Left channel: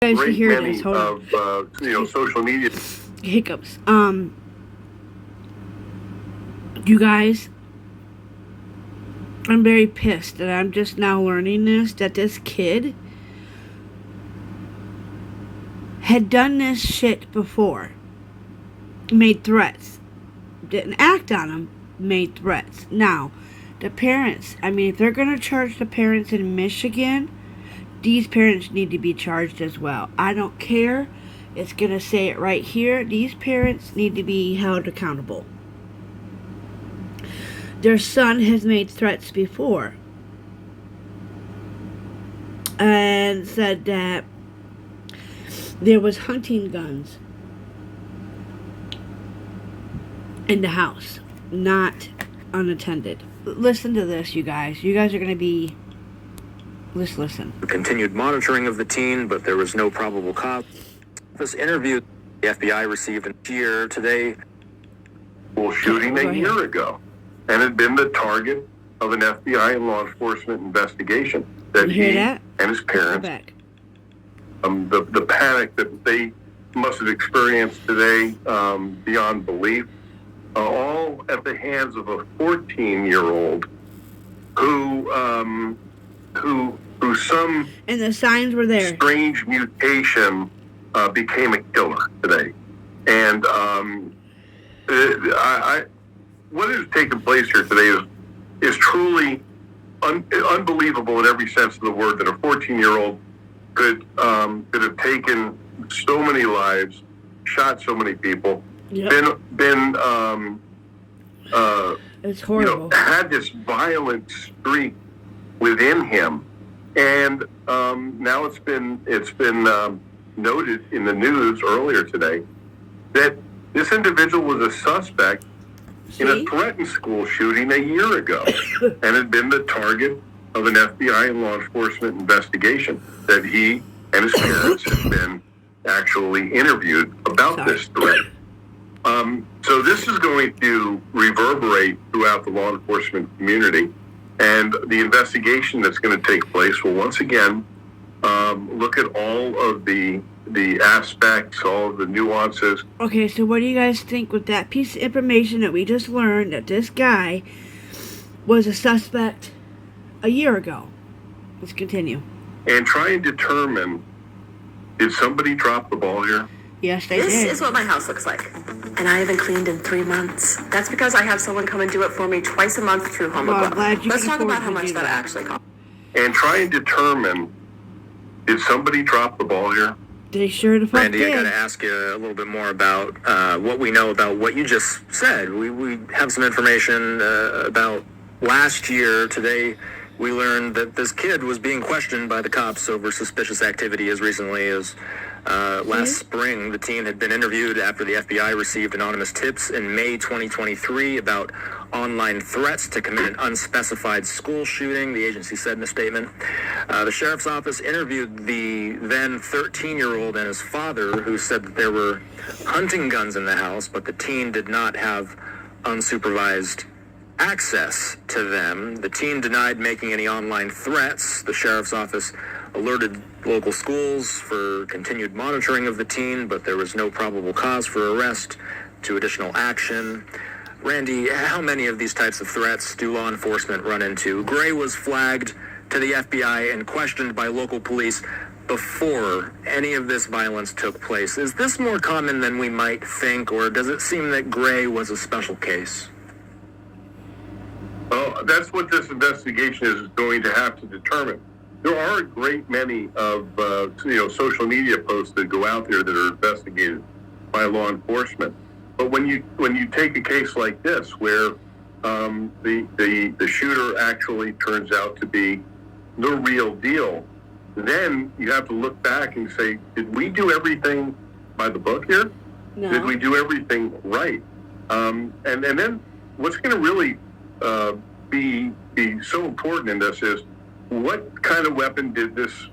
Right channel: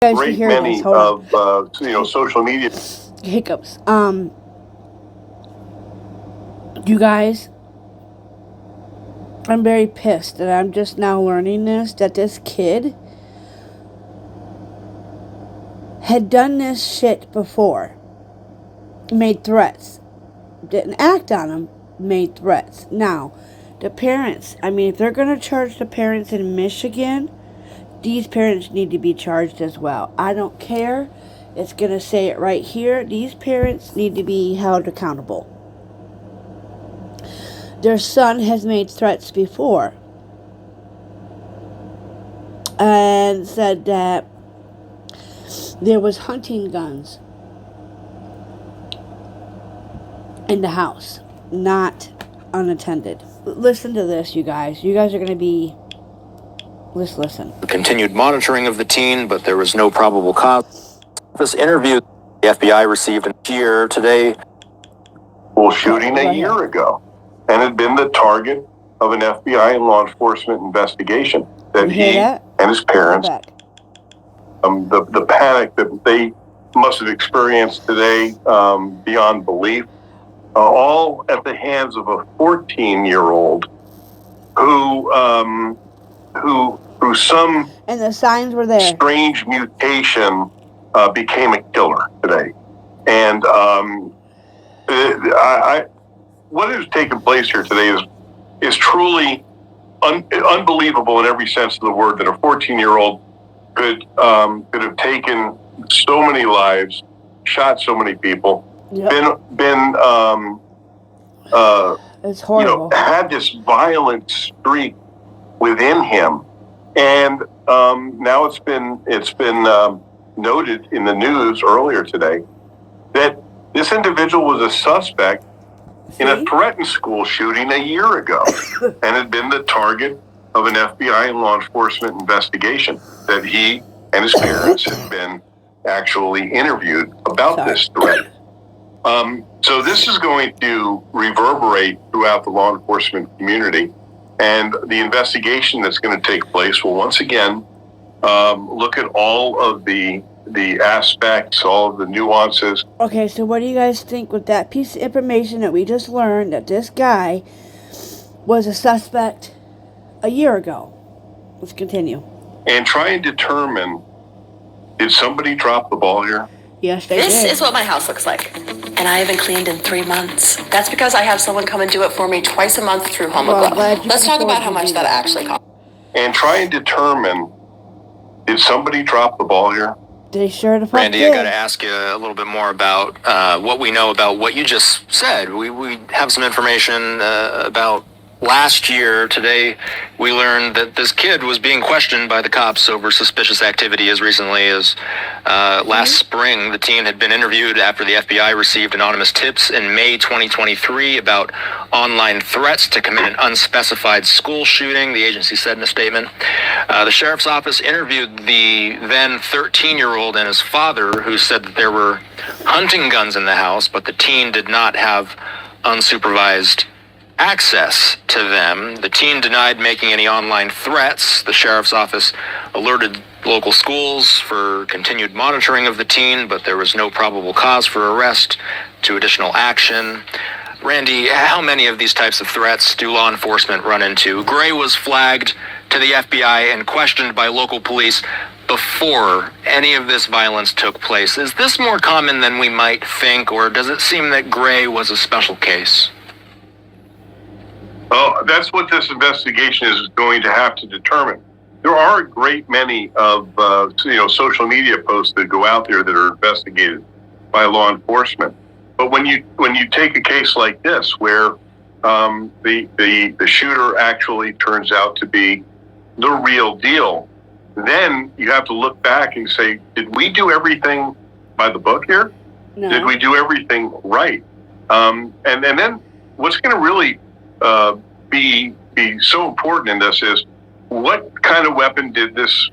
guys to great hear many this. Hold of social media hiccups. You guys, I'm very pissed, and I'm just now learning that this kid had done this shit before. Made threats. Didn't act on them. Made threats. Now, the parents, if they're going to charge the parents in Michigan, these parents need to be charged as well. I don't care. It's going to say it right here. These parents need to be held accountable. Their son has made threats before and said that there was hunting guns in the house, not unattended. Listen to this, you guys. You guys are going to be... Let's listen. Continued monitoring of the teen, but there was no probable cause. This interview the FBI received here today. School shooting a year ago, and had been the target of an FBI and law enforcement investigation that and his parents, the panic that they must have experienced today, beyond belief, all at the hands of a 14-year-old who through some and the signs were there strange mutation became a killer today. And what has taken place here today is truly unbelievable in every sense of the word, that a 14-year-old could have taken so many lives, shot so many people, it's horrible. Had this violent streak within him, and now it's been noted in the news earlier today that this individual was a suspect in a threatened school shooting a year ago and had been the target of an FBI and law enforcement investigation that he and his parents had been actually interviewed about this threat. So this is going to reverberate throughout the law enforcement community, and the investigation that's going to take place will once again look at all of the aspects, all of the nuances. Okay, so what do you guys think with that piece of information that we just learned, that this guy was a suspect a year ago? Let's continue. And try and determine, did somebody drop the ball here? Yes, they did. This is what my house looks like. And I haven't cleaned in 3 months. That's because I have someone come and do it for me twice a month through Home Aglow. Let's talk about how much that actually costs. And try and determine, did somebody drop the ball here? They sure the fuck Randy, did. I got to ask you a little bit more about what we know about what you just said. We have some information about last year. Today, we learned that this kid was being questioned by the cops over suspicious activity as recently as last spring. The teen had been interviewed after the FBI received anonymous tips in May 2023 about online threats to commit an unspecified school shooting, the agency said in a statement. The sheriff's office interviewed the then 13-year-old and his father, who said that there were hunting guns in the house, but the teen did not have unsupervised access to them. The teen denied making any online threats. The sheriff's office alerted local schools for continued monitoring of the teen, but there was no probable cause for arrest to additional action. Randy, how many of these types of threats do law enforcement run into? Gray was flagged to the FBI and questioned by local police before any of this violence took place. Is this more common than we might think, or does it seem that Gray was a special case? Well, that's what this investigation is going to have to determine. There are a great many of social media posts that go out there that are investigated by law enforcement. But when you take a case like this, where the shooter actually turns out to be the real deal, then you have to look back and say, did we do everything by the book here? No. Did we do everything right? And then what's going to really be so important in this is, what kind of weapon did this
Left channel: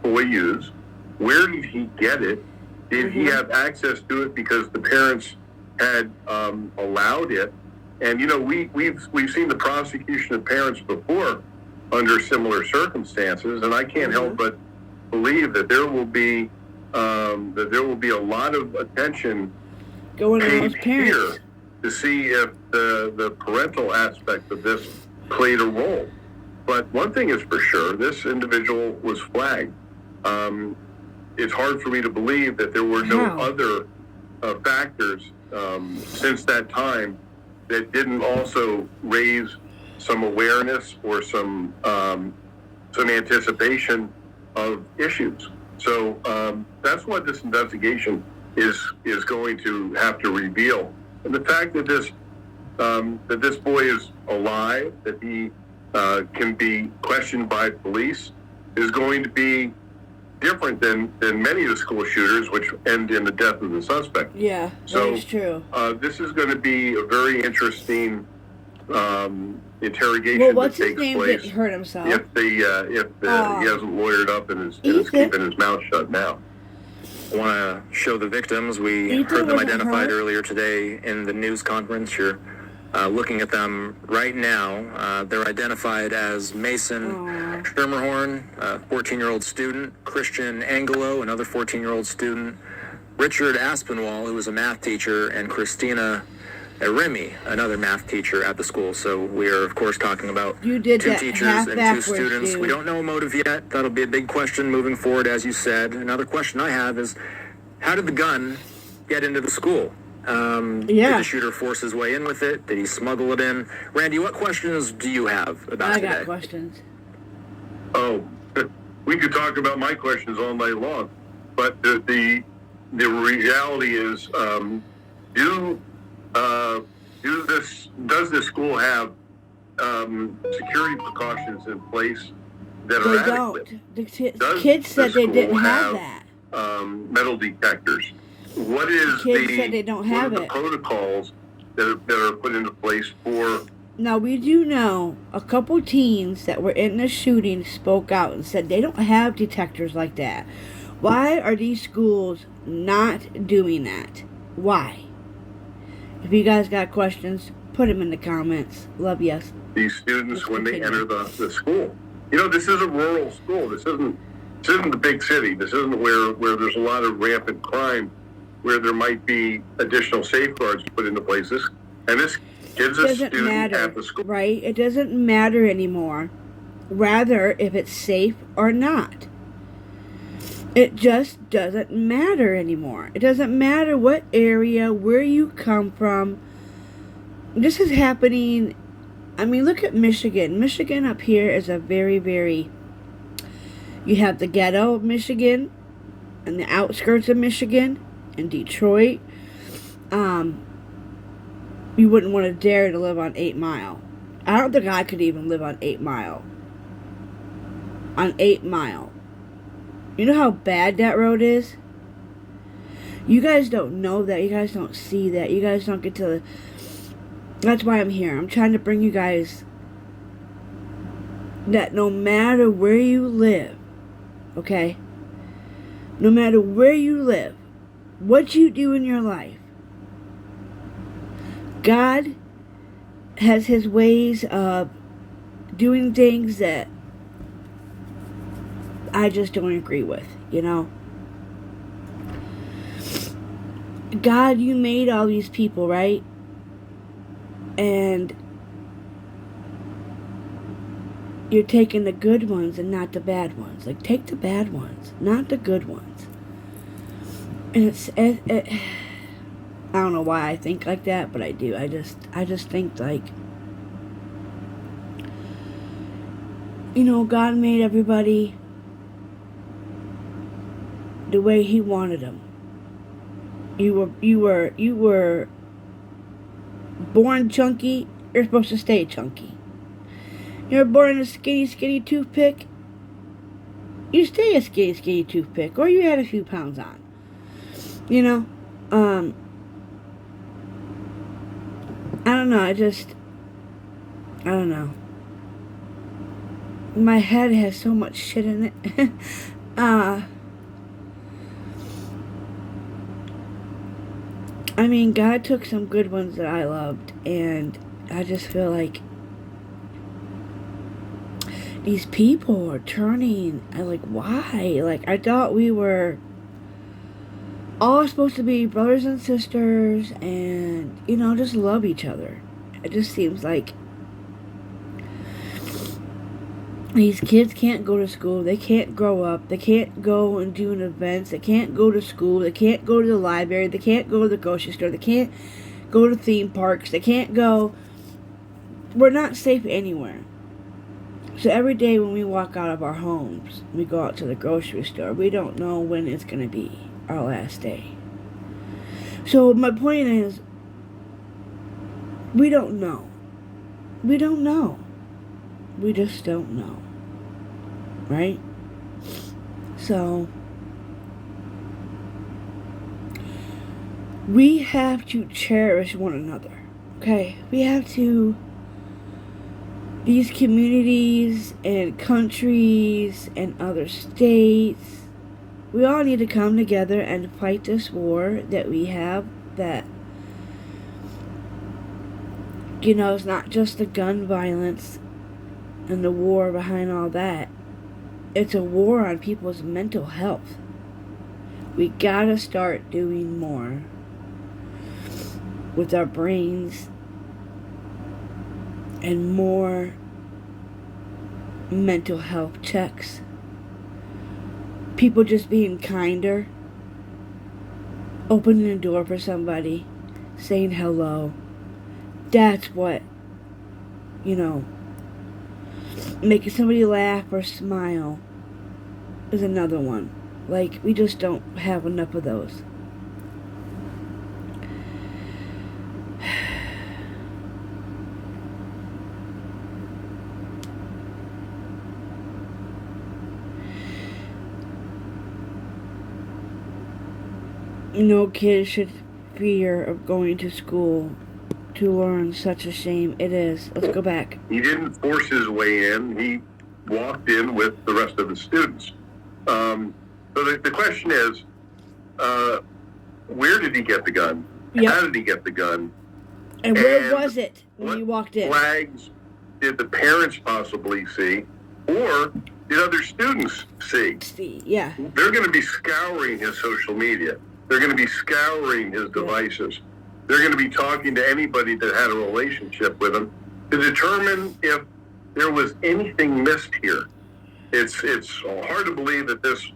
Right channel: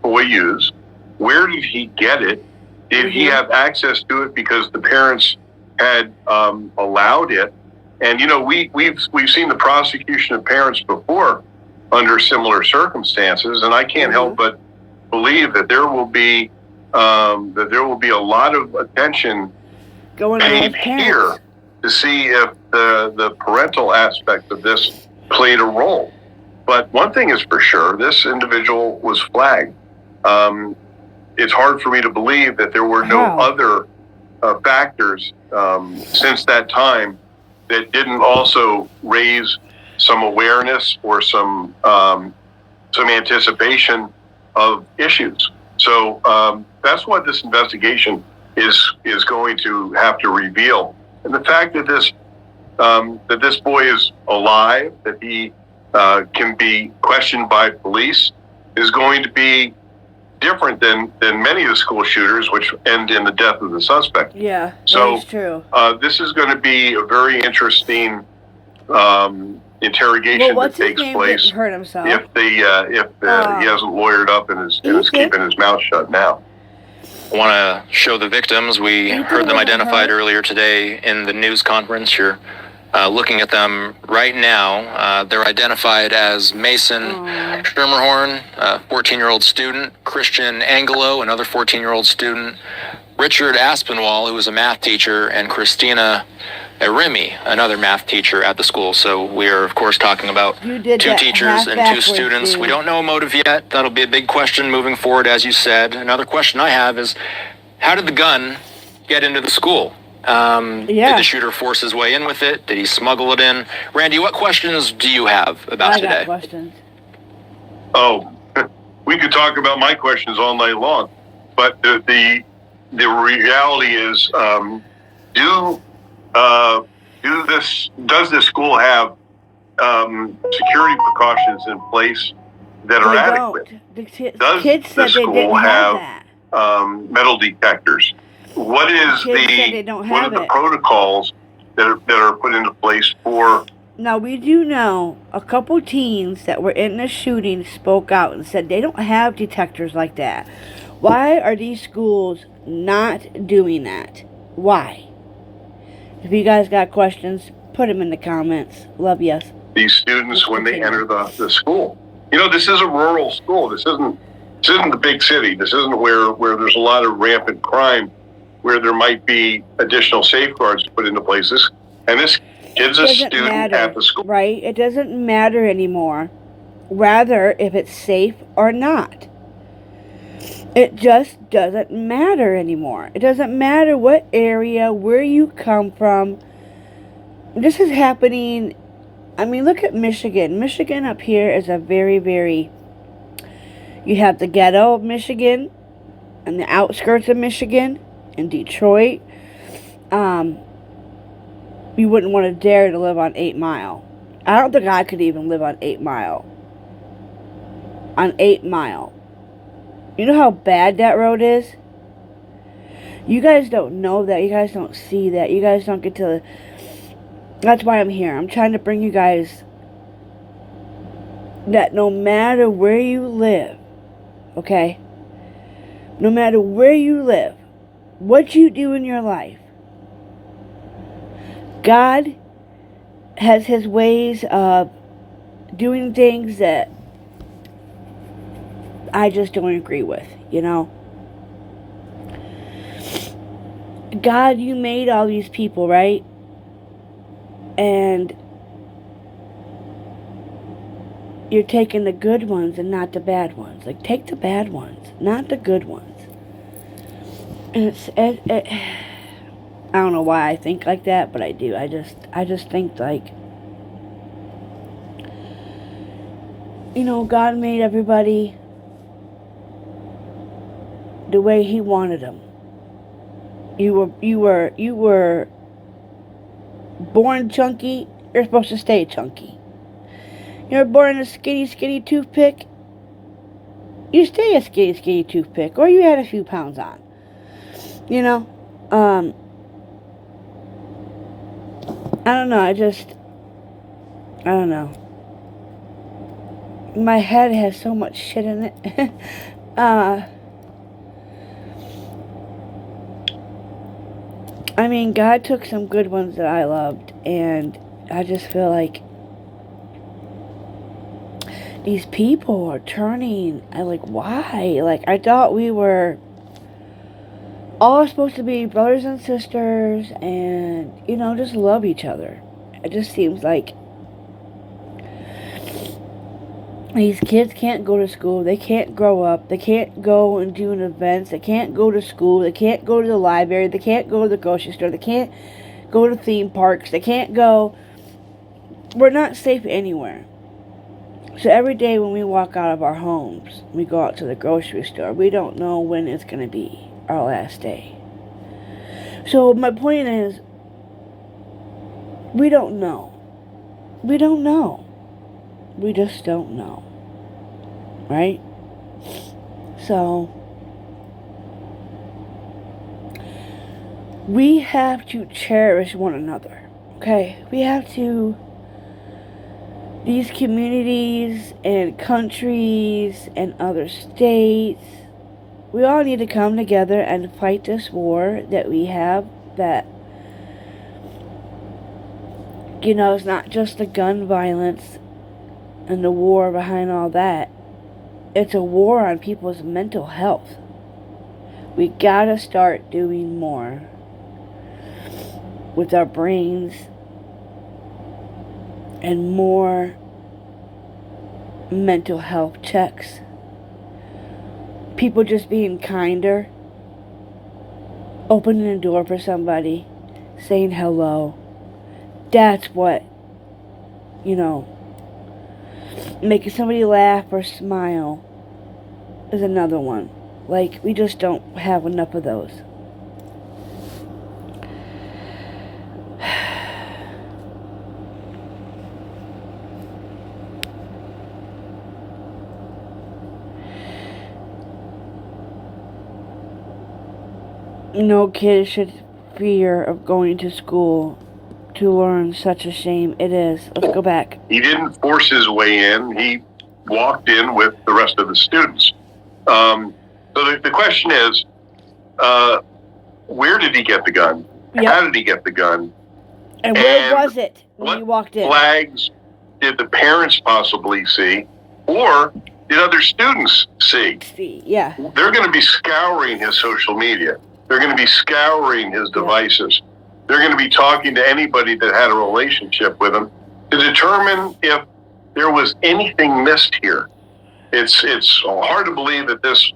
boy use? Where did he get it? Did he have access to it because the parents had allowed it? And we've seen the prosecution of parents before under similar circumstances, and I can't help but believe that there will be that there will be a lot of attention going on with paid parents here to see if the parental aspect of this played a role. But one thing is for sure, this individual was flagged. It's hard for me to believe that there were no other factors since that time that didn't also raise some awareness or some anticipation of issues. So that's what this investigation is going to have to reveal. And the fact that this boy is alive, that he can be questioned by police, is going to be different than many of the school shooters, which end in the death of the suspect. Yeah, so that's true. This is going to be a very interesting interrogation that takes place. Didn't hurt himself. If he hasn't lawyered up and is keeping his mouth shut now. I want to show the victims. We heard them identified earlier today in the news conference. You're looking at them right now. They're identified as Mason Schermerhorn, a 14-year-old student, Christian Angelo, another 14-year-old student, Richard Aspinwall, who was a math teacher, and Christina Remy, another math teacher at the school. So we are, of course, talking about two teachers and two students. We don't know a motive yet. That'll be a big question moving forward, as you said. Another question I have is, how did the gun get into the school? Did the shooter force his way in with it? Did he smuggle it in? Randy, what questions do you have about today? I got questions. Oh, we could talk about my questions all night long. But the reality is, does this school have security precautions in place that are adequate? The kids said they didn't have that. Metal detectors. What is the protocols that are put into place for? Now, we do know a couple teens that were in the shooting spoke out and said they don't have detectors like that. Why are these schools not doing that? Why? If you guys got questions, put them in the comments. Love you. These students, when they enter the school. You know, this is a rural school. This isn't the big city. This isn't where there's a lot of rampant crime, where there might be additional safeguards put into places. And this kid's a student at the school. Right? It doesn't matter anymore. Rather, if it's safe or not. It just doesn't matter anymore. It doesn't matter what area, where you come from. This is happening. I mean, look at Michigan. Michigan up here is a very, very... You have the ghetto of Michigan and the outskirts of Michigan and Detroit. You wouldn't want to dare to live on 8 Mile. I don't think I could even live on 8 Mile. On 8 Mile. You know how bad that road is? You guys don't know that. You guys don't see that. You guys don't get to... That's why I'm here. I'm trying to bring you guys that no matter where you live, okay? No matter where you live, what you do in your life, God has His ways of doing things that I just don't agree with, you know? God, you made all these people, right? And you're taking the good ones and not the bad ones. Like, take the bad ones, not the good ones. And I don't know why I think like that, but I do. I just think, like, you know, God made everybody the way He wanted them. You were born chunky. You're supposed to stay chunky. You were born a skinny toothpick. You stay a skinny toothpick, or you had a few pounds on. You know, I don't know. I don't know. My head has so much shit in it. I mean, God took some good ones that I loved, and I just feel like these people are turning. Why? Like, I thought we were all supposed to be brothers and sisters and, you know, just love each other. It just seems like these kids can't go to school. They can't grow up. They can't go and do events. They can't go to school. They can't go to the library. They can't go to the grocery store. They can't go to theme parks. They can't go. We're not safe anywhere. So every day when we walk out of our homes, we go out to the grocery store, we don't know when it's going to be our last day. So my point is, we don't know. We don't know. We just don't know. Right? So, we have to cherish one another. Okay? We have to. These communities and countries and other states, we all need to come together and fight this war that we have, that, you know, it's not just the gun violence and the war behind all that. It's a war on people's mental health. We gotta start doing more with our brains and more mental health checks. People just being kinder, opening a door for somebody, saying hello. That's what, you know, making somebody laugh or smile is another one. Like, we just don't have enough of those. No kid should fear of going to school to learn. Such a shame it is. Let's go back. He didn't force his way in. He walked in with the rest of the students. So the question is, where did he get the gun? Yep. How did he get the gun? And where was it when you walked in? What flags did the parents possibly see? Or did other students see? Yeah. They're going to be scouring his social media. They're going to be scouring his devices. They're going to be talking to anybody that had a relationship with him to determine if there was anything missed here. It's hard to believe that this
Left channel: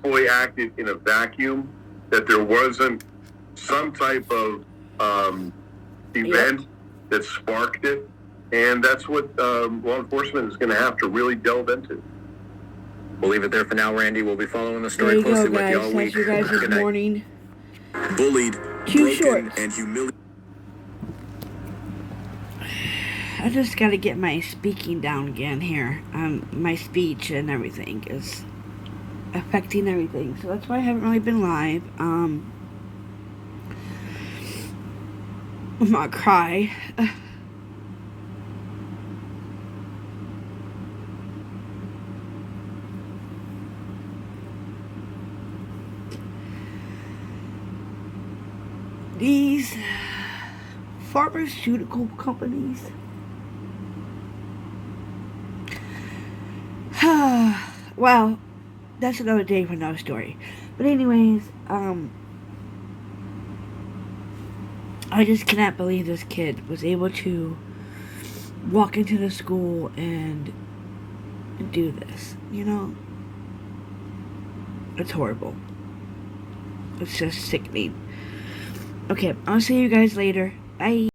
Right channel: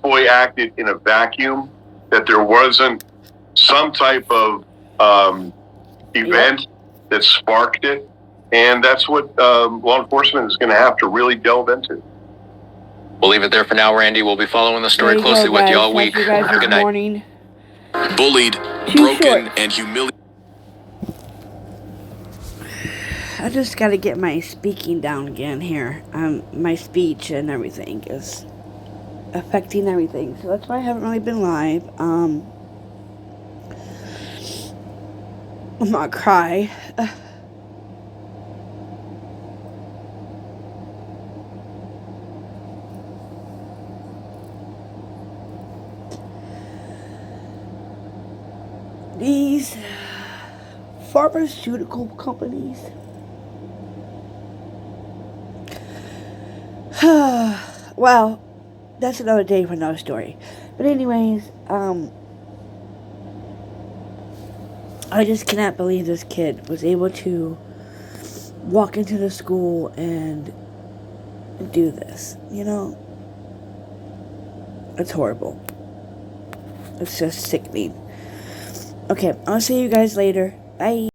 boy acted in a vacuum, that there wasn't some type of event that sparked it, and that's what law enforcement is going to have to really delve into. We'll leave it there for now, Randy. We'll be following the story closely with you all week. You guys Good night. morning. Bullied, broken, and humiliated. I just got to get my speaking down again here. My speech and everything is affecting everything, so that's why I haven't really been live. I'm gonna cry. These pharmaceutical companies. Well, that's another day for another story. But anyways, I just cannot believe this kid was able to walk into the school and do this. You know? It's horrible. It's just sickening. Okay, I'll see you guys later. Bye.